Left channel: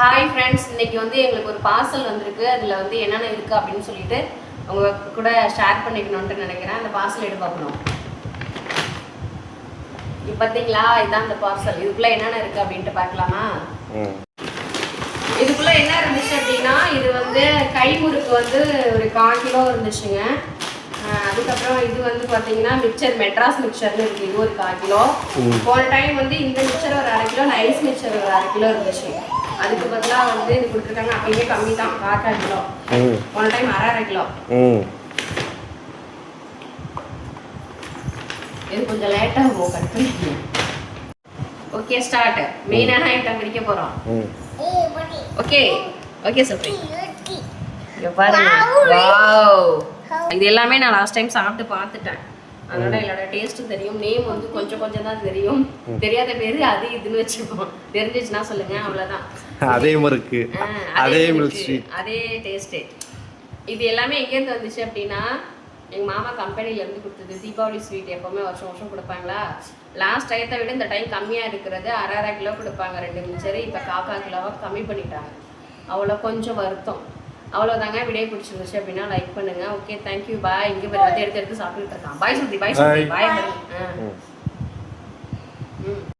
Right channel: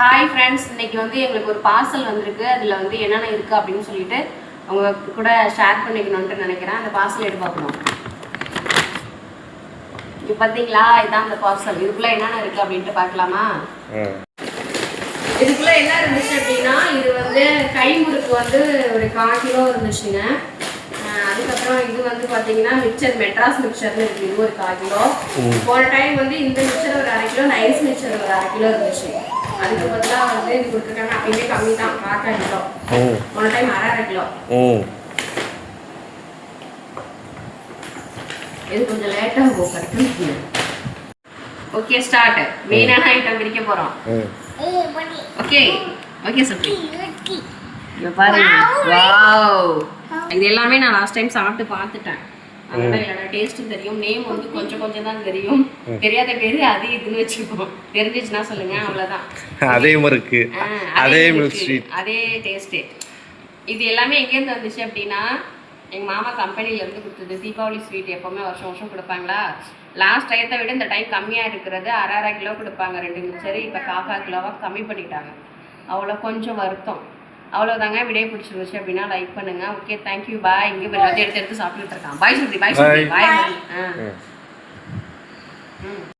Hi friends, இன்னைக்கு வந்து எங்களுக்கு ஒரு பார்சல் வந்திருக்கு. அதில் வந்து என்னென்ன இருக்குது அப்படின்னு சொல்லிட்டு உங்க கூட ஷேர் பண்ணிக்கணும்னு நினைக்கிறேன். அந்த பார்சல் எடுத்து பார்க்கணும். இப்போ பார்த்தீங்களா, இதுதான் அந்த பார்சல். இதுக்குள்ளே என்னென்ன இருக்குது அப்படின்ட்டு பார்க்கலாமா? இதுக்குள்ளே என்ன இருந்துச்சு அப்படின்னா, இது வந்து கைமுறுக்கு வந்து ஒரு 1/4 கிலோ இருந்துச்சுங்க. அதுக்கப்புறம் இது வந்து பார்த்தீங்கன்னா மிக்சர், மெட்ராஸ் மிக்சர்னு இருக்குது. இது ஒரு 1/4 கிலோ. போன டைம் வந்து இந்த மிக்சர் ஒரு 1/2 கிலோ, நைஸ் மிக்சர் ஒரு 1/2 கிலோ இருந்துச்சு. அதுக்கு பதிலாக வந்து இது கொடுத்துருக்காங்க. அப்பயுமே கம்மி தான், 1/4 கிலோ. போன டைம் 1/2 கிலோ. இது கொஞ்சம் லேட்டாக இருக்கும் கிடைக்கும். Okay, start. மெயினான ஐட்டம் பிரிக்க போகிறோம். ஓகே ஓகே சப்ரி, இங்கே பாருங்க. வாவ், இது எல்லாமே நான் லாஸ்ட் டைம் சாப்பிட்டு பார்த்துட்டேன். அதோட இதோட டேஸ்ட்டும் தெரியும். நேம் வந்து கொஞ்சம் தான் தெரியும். தெரியாத பேரு அது இதுன்னு வச்சுக்கோம். தெரிஞ்சிச்சுன்னா சொல்லுங்க, அவ்வளோதான். அதே முறுக்கு, அதே மில்க் ஸ்வீட், அதே டேஸ்ட்டு. இது எல்லாமே எங்கேருந்து வந்துச்சு அப்படின்னா, எங்கள் மாமா கம்பெனிலேருந்து கொடுத்தது. தீபாவளி ஸ்வீட் எப்போவுமே வருஷம் கொடுப்பாங்களா. லாஸ்ட் டயத்தை விட இந்த டைம் கம்மியாக இருக்கிறது. 1/2 கிலோ கொடுப்பாங்க 2 மிச்சரு. இப்போ 1/4 கிலோவாக கம்மி பண்ணிட்டாங்க. அவ்வளோ கொஞ்சம் வருத்தம். அவ்வளோதாங்க. வீடியோ பிடிச்சிருந்துச்சு அப்படின்னா லைக் பண்ணுங்க. ஓகே, தேங்க்யூ, பாய். இங்கே போய் வந்து எடுத்து சாப்பிட்டுட்டு இருக்கான். பாய் சொல்லி, பாய் சொல்லி, பாய்.